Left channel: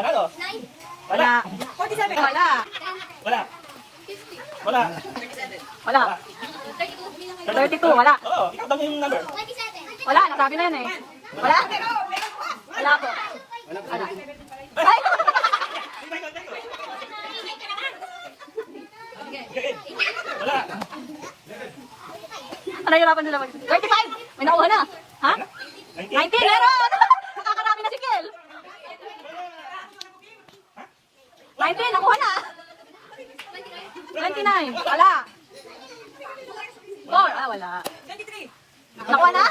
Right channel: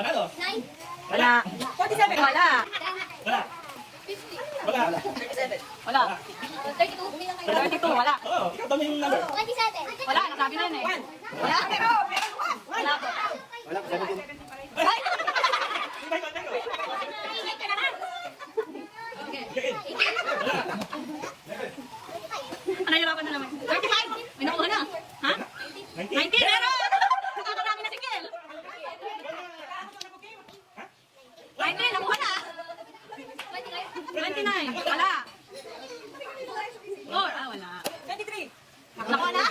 Panalo. Wala. Wala. Wala. Wala. Wala. 32, wala. Oo, ikaw daw yung number. Wala, nasabi na yun eh. Wala. Wala po. Ay! Wala. Ano yung laban nila mag... 35! May nakuha na. Ha? 19, meron! Nakakarami na si Kel. 19, nakuha na. 29, wala. 4, wala. 23. Nakuha na?